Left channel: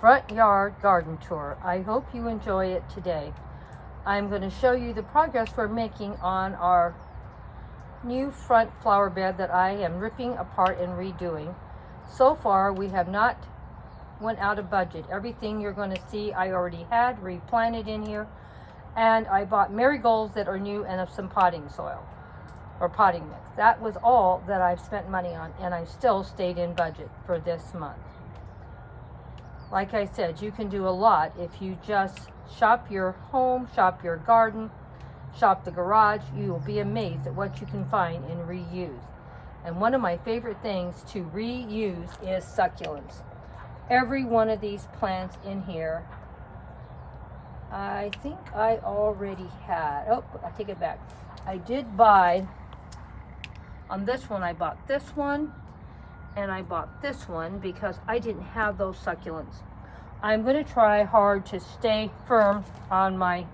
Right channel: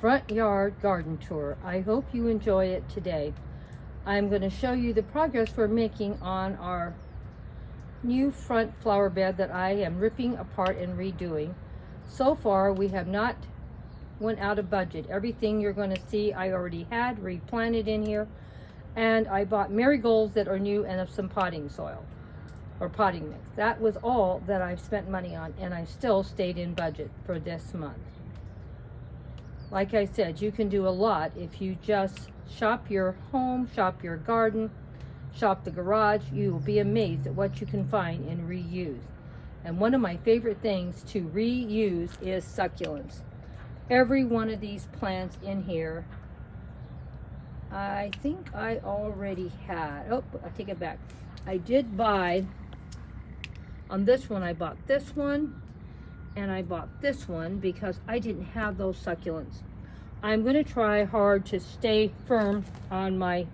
front yard garden tour. I hope you enjoy it today. I'm going to show you the progress we're making on our new front flower bed that I am ripping apart and redoing. So far we have not went out of budget. Everything you're going to see I already had replanted in here, and I bought marigolds that are new and some potting soil or potting mix. That was all that I've spent money on, and I still stayed in budget for this month. Like I said, you can do a lot if you just shop your home, shop your garden, shop the garage. You will be amazed at what you can find and reuse. And one of my favorite things to reuse is succulents. Every one of these plants in here, I think I already had. Oh, I take it back. I did buy, on this one I bought this one, and I bought this one because I didn't have those succulents. I'm going to try hard to stay firm on my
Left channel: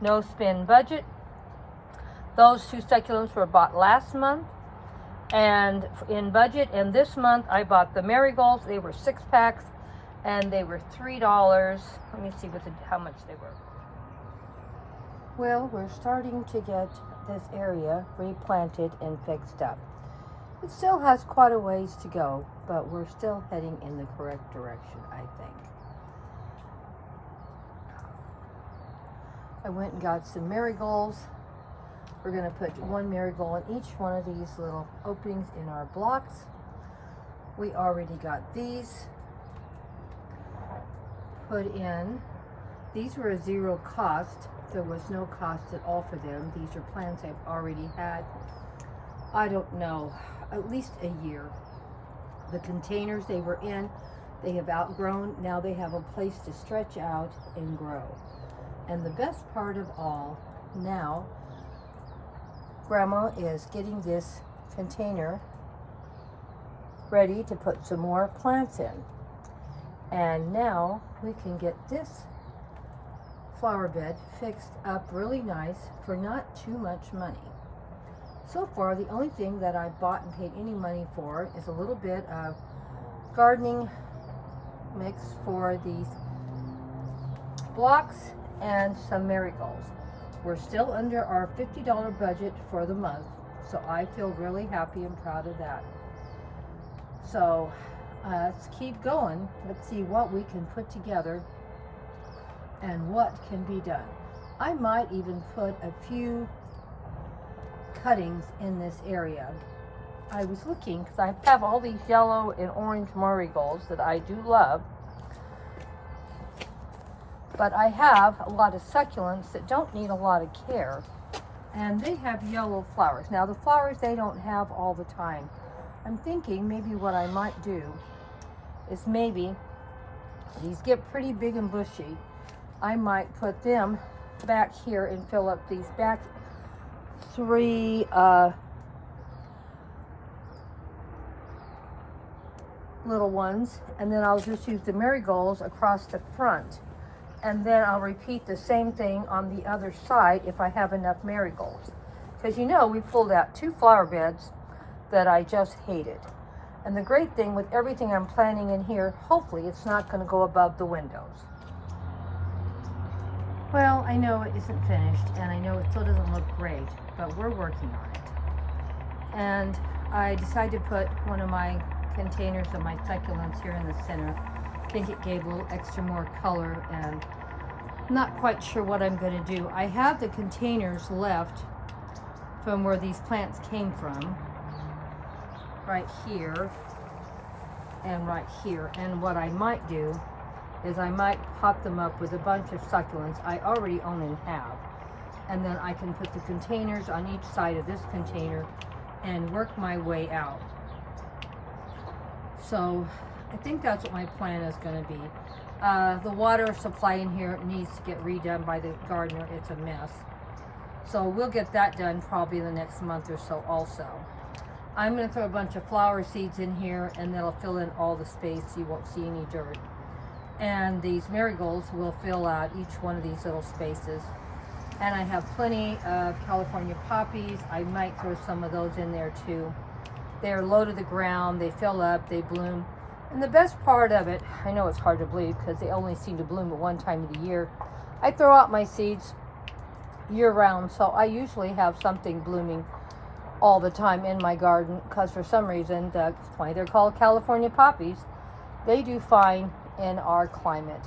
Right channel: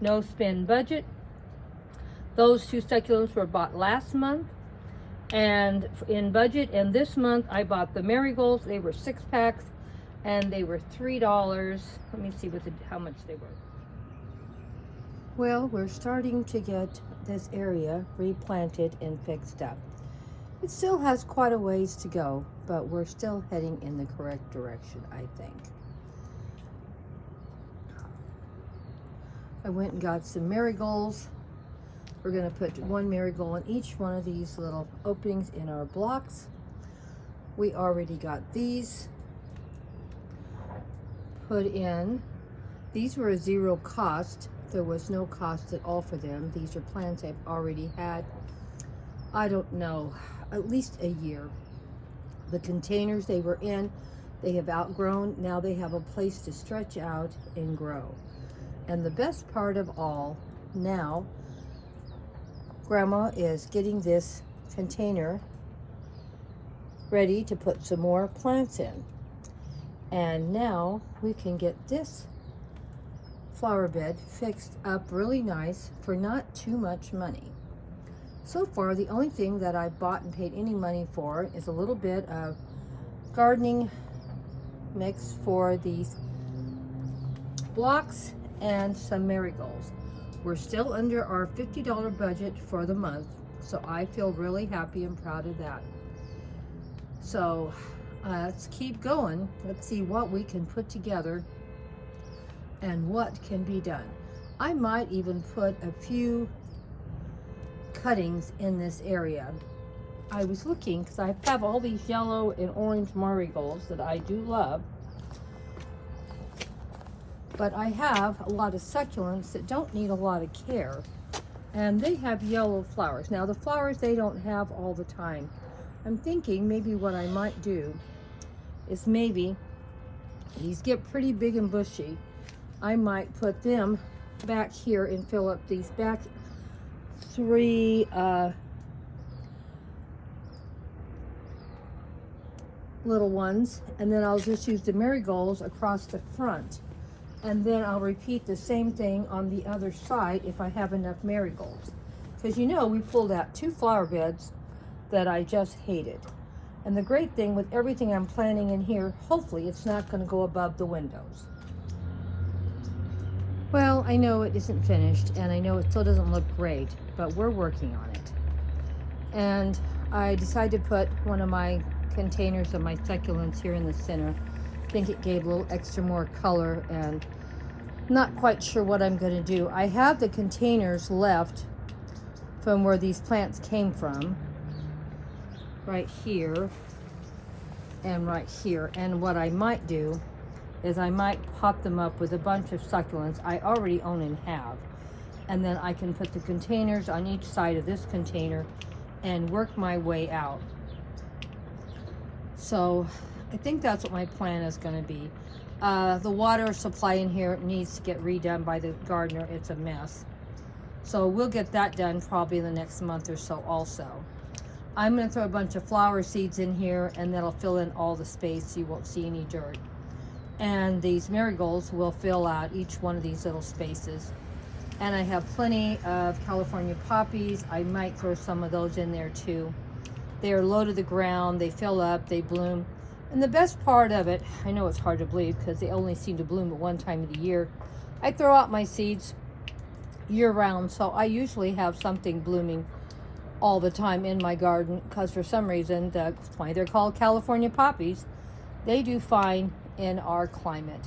no spend budget. Those two succulents were bought last month and in budget, and this month I bought the marigolds. They were 6 packs and they were $3. Let me see how much they were. Well, we're starting to get this area replanted and fixed up. It still has quite a ways to go, but we're still heading in the correct direction, I think. I went and got some marigolds. We're going to put one marigold in each one of these little openings in our blocks. We already got these put in. These were a zero cost. There was no cost at all for them. These are plants I've already had, I don't know, at least a year. The containers they were in, they have outgrown. Now they have a place to stretch out and grow. And the best part of all, now Grandma is getting this container ready to put some more plants in. And now we can get this flower bed fixed up really nice for not too much money. So far, the only thing that I bought and paid any money for is a little bit of gardening mix for these blocks and some marigolds. We're still under our $50 budget for the month, so I feel really happy and proud of that. So let's keep going. Let's see what we can put together and what can be done. I might even put a few cuttings in this area. I was looking because I have all these yellow and orange marigolds that I do love, but I have a lot of succulents that don't need a lot of care, and they have yellow flowers. Now the flowers they don't have all the time. I'm thinking maybe what I might do is maybe these get pretty big and bushy. I might put them back here and fill up these back 3 little ones, and then I'll just use the marigolds across the front, and then I'll repeat the same thing on the other side if I have enough marigolds, because you know we pulled out 2 flower beds that I just hated. And the great thing with everything I'm planting in here, hopefully it's not going to go above the windows. Well, I know it isn't finished, and I know it still doesn't look great, but we're working on it. And I decided to put one of my containers of my succulents here in the center. I think it gave a little extra more color, and I'm not quite sure what I'm going to do. I have the containers left from where these plants came from, right here and right here. And what I might do is I might pot them up with a bunch of succulents I already own and have, and then I can put the containers on each side of this container and work my way out. So I think that's what my plan is going to be. The water supply in here needs to get redone by the gardener. It's a mess, so we'll get that done probably in the next month or so. Also, I'm going to throw a bunch of flower seeds in here, and that'll fill in all the space so you won't see any dirt. And these marigolds will fill out each one of these little spaces. And I have plenty of California poppies. I might throw some of those in there too. They're low to the ground, they fill up, they bloom, And the best part of it, I know it's hard to believe because they only seem to bloom at one time of the year. I throw out my seeds year round, so I usually have something blooming all the time in my garden because for some reason, that's why they're called California poppies. They do fine in our climate.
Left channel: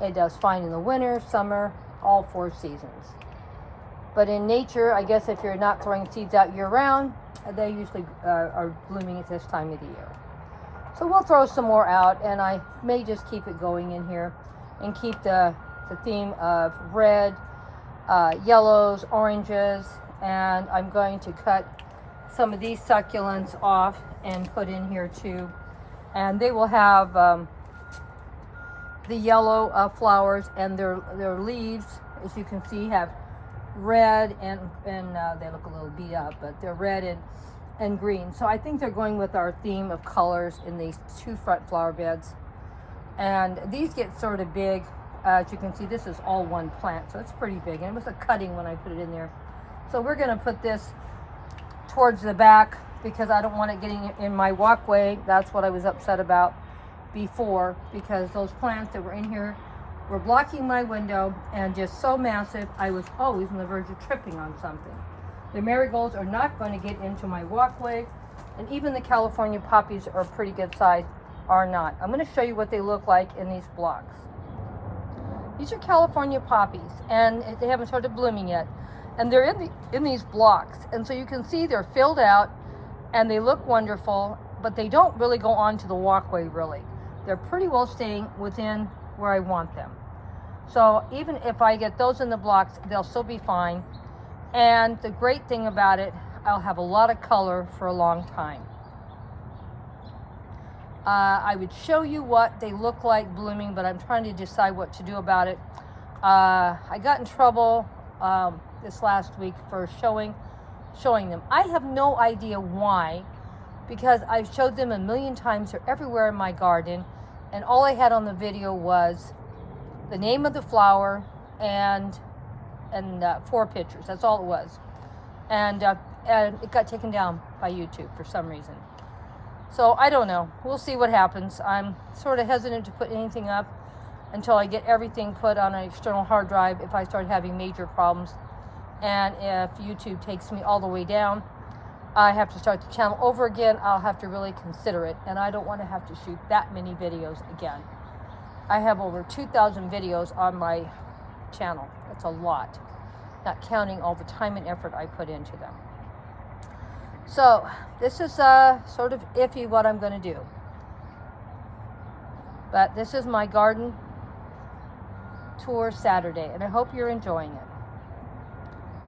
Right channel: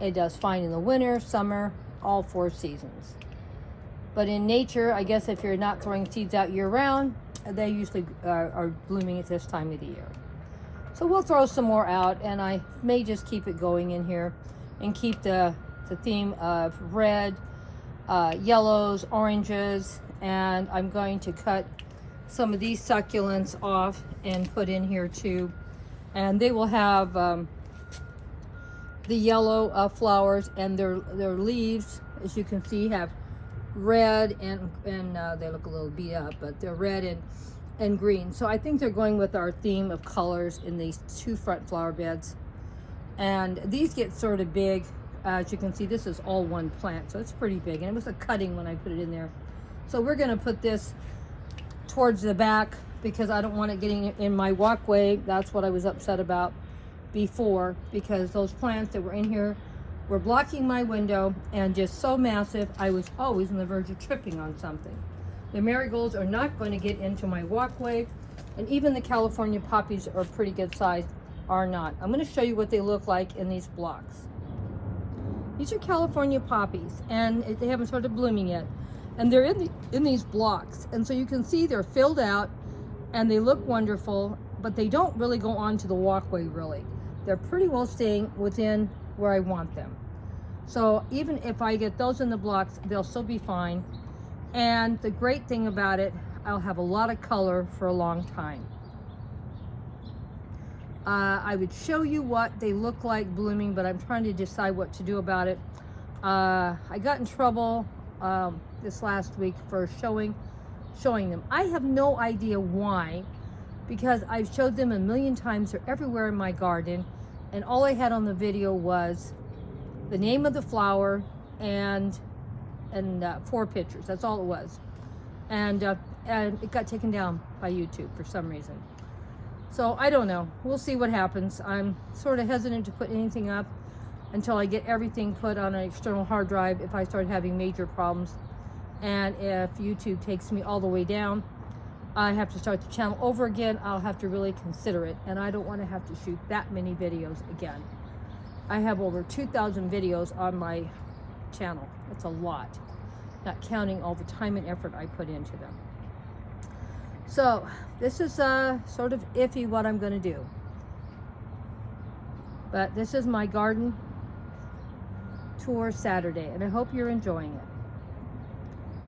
It does fine in the winter, summer, all 4 seasons. But in nature, I guess if you're not throwing seeds out year round, they usually are blooming at this time of the year. So we'll throw some more out, and I may just keep it going in here and keep the theme of red, yellows, oranges, and I'm going to cut some of these succulents off and put in here too. And they will have the yellow flowers, and their leaves, as you can see, have red and they look a little beat up, but they're red and green. So I think they're going with our theme of colors in these 2 front flower beds. And these get sort of big. As you can see, this is all one plant, so it's pretty big. And it was a cutting when I put it in there. So we're gonna put this towards the back because I don't want it getting in my walkway. That's what I was upset about before, because those plants that were in here were blocking my window and just so massive, I was always on the verge of tripping on something. The marigolds are not going to get into my walkway, and even the California poppies are pretty good size, are not. I'm going to show you what they look like in these blocks. These are California poppies, and they haven't started blooming yet. And they're in these blocks, and so you can see they're filled out, and they look wonderful, but they don't really go onto the walkway really. They're pretty well staying within where I want them. So even if I get those in the blocks, they'll still be fine. And the great thing about it, I'll have a lot of color for a long time. I would show you what they look like blooming, but I'm trying to decide what to do about it. I got in trouble this last week for showing them. I have no idea why, because I've showed them a million times. They're everywhere in my garden, and all I had on the video was the name of the flower and 4 pictures. That's all it was, and it got taken down by YouTube for some reason. So I don't know. We'll see what happens. I'm sort of hesitant to put anything up until I get everything put on an external hard drive if I start having major problems. And if YouTube takes me all the way down, I have to start the channel over again. I'll have to really consider it, and I don't want to have to shoot that many videos again. I have over 2,000 videos on my channel. It's a lot, not counting all the time and effort I put into them. So this is sort of iffy what I'm going to do, but this is my garden tour Saturday, and I hope you're enjoying it.